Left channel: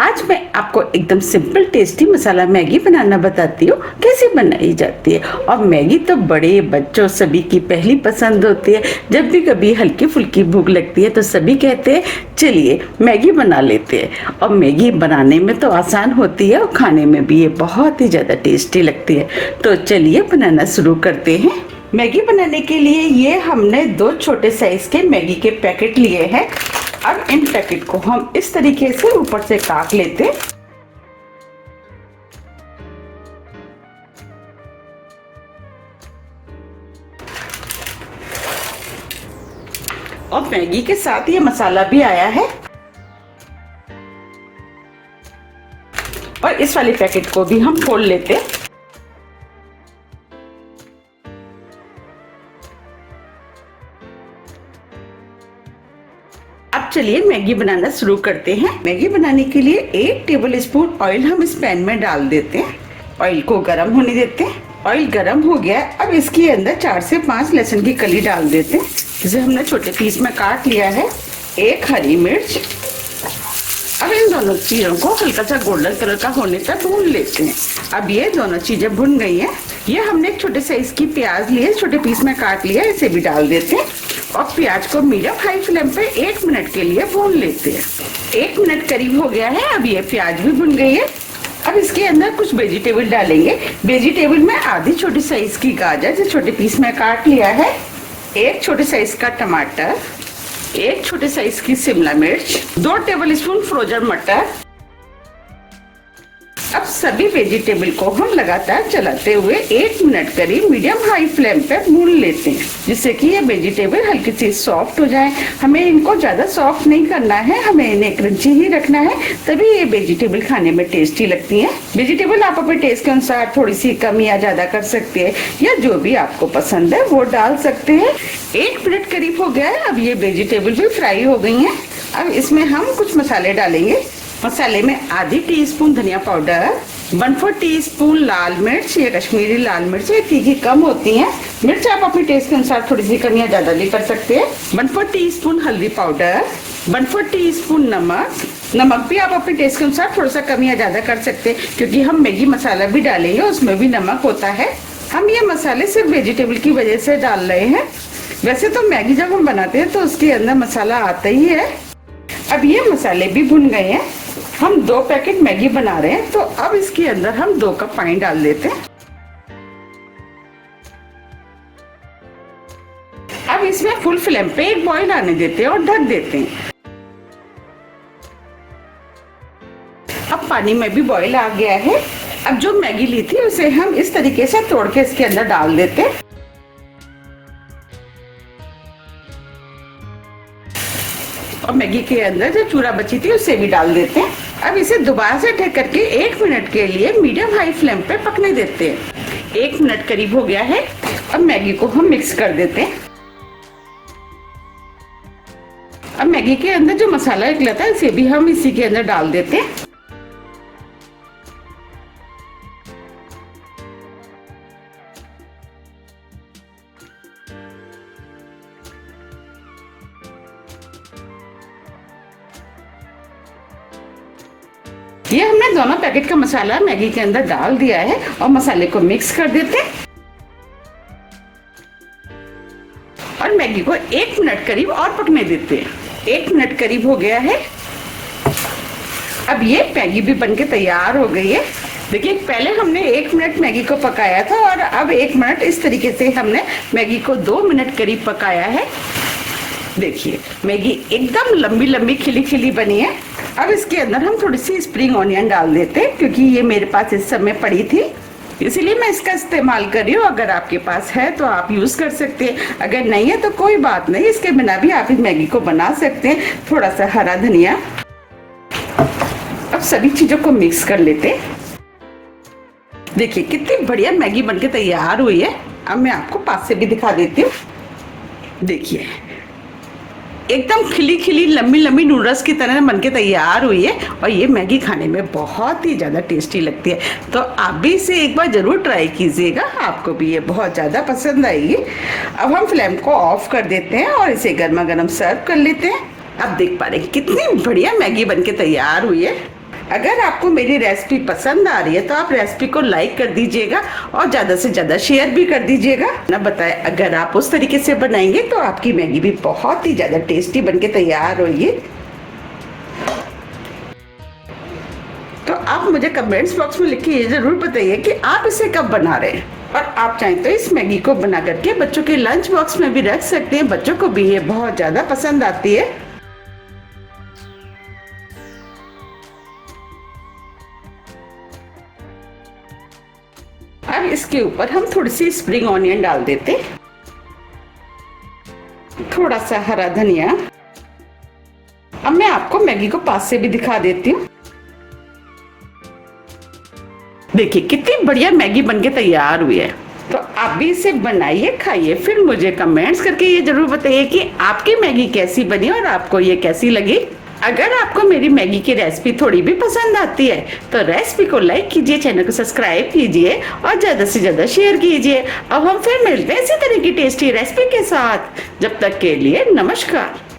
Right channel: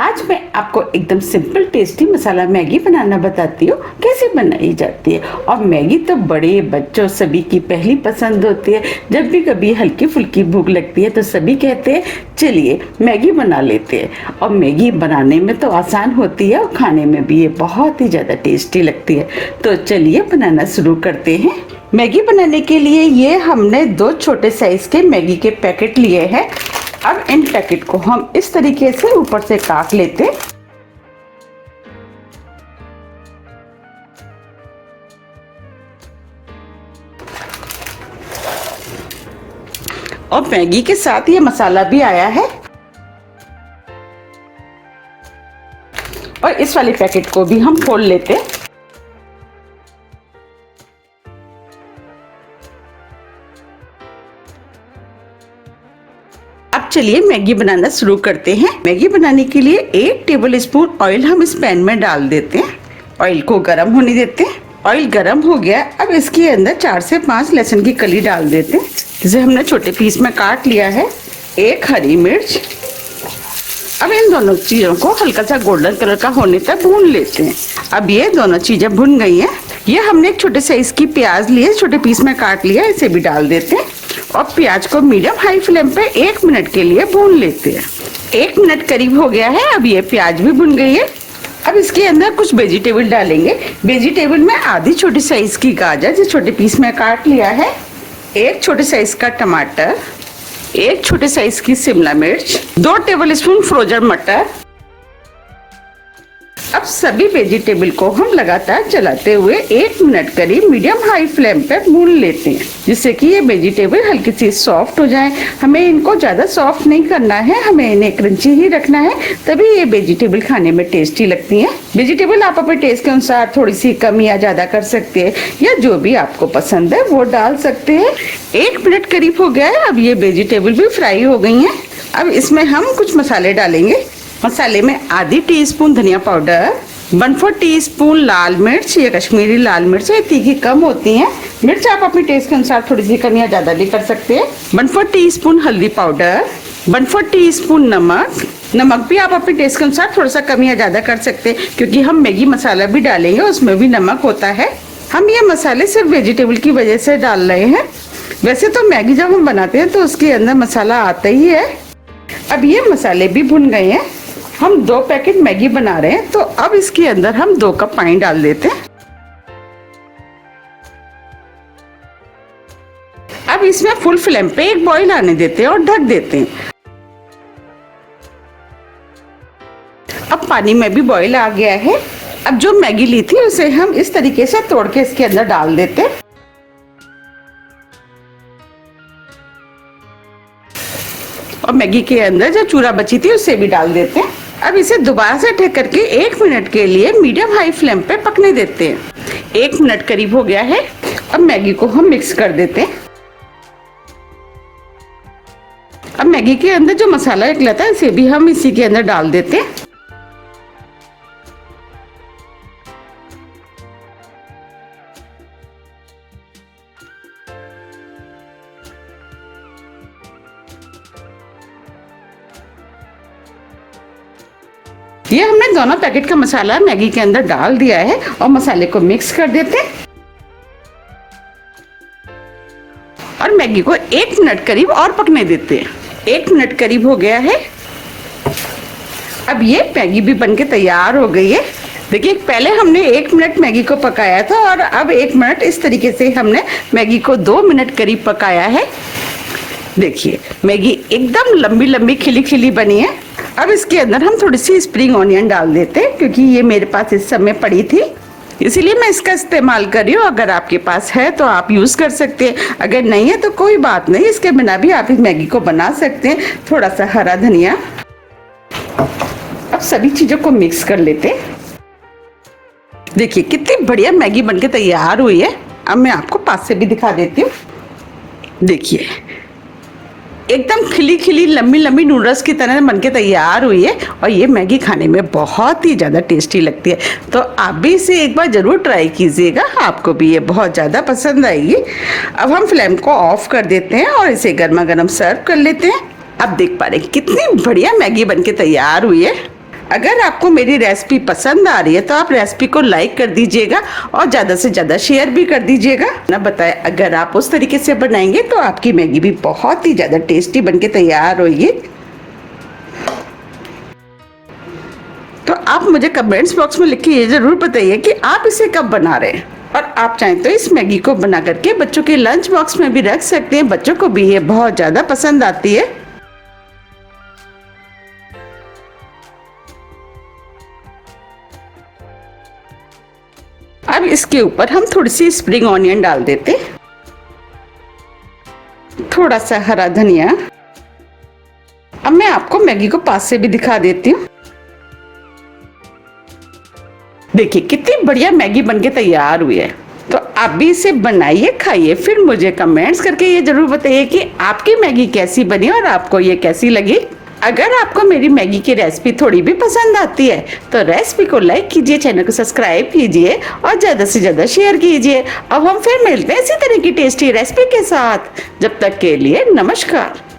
आज मैं आपको एकदम सिंपल टेस्टी मसाला मैगी बनाना बताती हूँ कैसे बनाई जाती है। और मैगी तो बड़े बच्चों सभी की पहली पसंद होती है। जब भी कभी हल्की फुल्की भूख लगती है तो सभी कहते हैं चलिए मैगी बना लेते हैं। और मैगी बनाने में तो आसान होती है और खाने में भी ये बहुत ही ज़्यादा टेस्टी लगती है। तो चलिए बनाना शुरू करते हैं। मैगी बनाने के लिए ये हमने 2 छोटे साइज के मैगी के पैकेट लिए हैं। अब इन पैकेट को हम इस तरीके से ऊपर से काट लेते हैं। और मैगी के साथ ये मसाला भी आया है। और इस वाले पैकेट को भी हम खोल लेते हैं। अब चलिए मैगी बनाना शुरू करते हैं। मैगी बनाने के लिए 1 टेबल स्पून ऑयल हम इस पैन में डाल देते हैं। ऑयल को गर्म होने देते हैं। ऑयल गर्म हो गया। अब इसके अंदर 4 से 5 लहसुन की कली डाल देते हैं, जिसे हमने छोटे पीस में काट लिया है। 1 हरी मिर्च। अब इन दोनों चीजों को हल्का सा गोल्डन कलर का होने तक भून लेते हैं। अब ये दोनों चीजें भुन गई हैं। ये हमने एक छोटे साइज की प्याज लिए, छोटे पीस में काट लिया, इसे भी डाल देते हैं। और प्याज को मीडियम हाई फ्लेम पे 1 मिनट के लिए भून लेते हैं। 1 मिनट करीब हो गया है। अब ये प्याज भी भुन गई है। अब इसके अंदर कुछ वेजिटेबल डालेंगे। वेजिटेबल में आधी छोटी साइज की गाजर जो छोटे पीस में काट लिया है, 1 छोटे साइज का टमाटर, 1 छोटे साइज की शिमला मिर्च, 2 टेबल स्पून फ्रोजन मटर। अब सभी वेजिटेबल को हम लगातार चलाते हुए 1 मिनट करीब मीडियम हाई फ्लेम पे भून लेते हैं, जिससे कि ये वेजिटेबल हल्की सी सॉफ्ट हो जाए। हमें इनको ज्यादा सॉफ्ट नहीं करना है, हमें इन्हें क्रंची ही रखना है, तभी ये वेजिटेबल खाने में टेस्टी लगती है। वेजिटेबल आप अपने टेस्ट के अनुसार थोड़ी सी कम या ज्यादा कर सकते हैं, या जो भी आपको पसंद है वो डाल सकते हैं। 1 मिनट करीब हो गया है। अब ये वेजिटेबल भी फ्राई हो गई है। अब इसमें हम कुछ मसाले डालेंगे। मसाले में आधी टीस्पून धनिया पाउडर, 1/4 टीस्पून लाल मिर्च, ये कश्मीरी लाल मिर्च है, तीखी कम होती है। मिर्च आप अपने टेस्ट के अनुसार थोड़ी सी कम या ज्यादा भी कर सकते हैं। 1/4 टीस्पून हल्दी पाउडर, 1/4 टीस्पून नमक। नमक भी आप अपने टेस्ट के अनुसार थोड़ा सा कम या ज्यादा कर सकते हैं, क्योंकि हम मैगी मसाला भी डालेंगे, उसमें भी नमक होता है। हम ये मसाले सिर्फ वेजिटेबल की वजह से डाल रहे हैं। वैसे तो मैगी जब हम बनाते हैं तो उसके अंदर मसाला आता ही है। अब ये मसाले भी भुन गए हैं। हम 2 पैकेट मैगी बना रहे हैं, तो अब इसके अंदर हम 2 कप पानी डाल देते हैं। अब इसमें फुल फ्लेम पे एक बॉईल आने देते हैं और ढक देते हैं। अब पानी में भी बॉईल आ गया है। अब जो मैगी ली थी उसे हम इस तरीके से तोड़ के इसके अंदर डाल देते हैं। और मैगी के अंदर जो चूरा बची थी उसे भी डाल देते हैं। अब इसे दोबारा से ढक करके 1 मिनट के लिए मीडियम हाई फ्लेम पे पकने देते हैं। 1 मिनट करीब हो गया है। अब मैगी को हम मिक्स कर देते हैं। अब मैगी के अंदर जो मसाला निकला था इसे भी हम इसी के अंदर डाल देते हैं। ये हमने दोनों पैकेट का मसाला मैगी के अंदर डाल दिया है और मसाले को मिक्स कर देते हैं। और मैगी को 1 मिनट करीब और पकने देते हैं। 1 मिनट करीब हो गया है। अब ये मैगी भी बनके तैयार हो गई है। देखिए, पहले हमने 1 मिनट मैगी को पकाया था और अब 1 मिनट इस तरीके से हमने मैगी को 2 मिनट करीब पकाया है। देखिए, मैगी एकदम लंबी लंबी खिली खिली बनी है। अब इसके अंदर हम थोड़ी सी स्प्रिंग ऑनियन डाल देते हैं, क्योंकि ये मेरे पास इस समय पड़ी थी, इसीलिए मैं इसका इस्तेमाल कर रही हूँ। अगर आपके पास है तो आप यूज कर सकते हैं, अगर नहीं है तो कोई बात नहीं, इसके बिना भी आप इस मैगी को बना सकते हैं। थोड़ा सा हरा धनिया। अब सभी चीजों को मिक्स कर लेते हैं। देखिए कितनी बढ़िया मैगी बनके तैयार हुई है। अब मैं आपको पास से भी दिखा देती हूँ। देखिए, एकदम खिली खिली लंबी लंबी नूडल्स की तरह बनके तैयार हुई है। और ये मैगी खाने में बहुत ही ज़्यादा टेस्टी लगती है। तो आप भी इसे एक बार ज़रूर ट्राई कीजिएगा, आपको भी ये बहुत ज़्यादा पसंद आएगी। अब हम फ्लेम को ऑफ कर देते हैं और इसे गर्मा गर्म सर्व कर लेते हैं। अब देख पा रहे हैं कितनी बढ़िया मैगी बनके तैयार हुई है। अगर आपको मेरी रेसिपी पसंद आ रही है तो आप रेसिपी को लाइक कर दीजिएगा और ज़्यादा से ज़्यादा शेयर भी कर दीजिएगा ना। बताएं, अगर आप उस तरीके से बनाएंगे तो आपकी मैगी भी बहुत ही ज़्यादा टेस्टी बनके तैयार होगी। तो आप मुझे कमेंट्स बॉक्स में लिख के ये जरूर बताइए कि आप इसे कब बना रहे हैं। और आप चाहें तो इस मैगी को बना करके बच्चों के लंच बॉक्स में भी रख सकते हैं, बच्चों को भी ये बहुत ज़्यादा पसंद आती है। अब इसके ऊपर हम थोड़ी सी स्प्रिंग ऑनियन डाल देते, थोड़ा सा हरा धनिया। अब मैं आपको मैगी को पास से भी दिखा देती हूँ। देखिए कितनी बढ़िया मैगी बनके तैयार हुई है। तो आप भी इसे बनाइए, खाइए, फिर मुझे कमेंट्स करके ये जरूर बताइए कि आपकी मैगी कैसी बनी और आपको ये कैसी लगी। अगर आपको मेरी मैगी की रेसिपी थोड़ी भी पसंद आती है तो रेसिपी को लाइक कीजिए, चैनल को सब्सक्राइब कीजिए और ज़्यादा से ज़्यादा शेयर कीजिए। अब हम फिर मिलते हैं इसी तरह की टेस्टी रेसिपी के साथ। जब तक के लिए नमस्कार।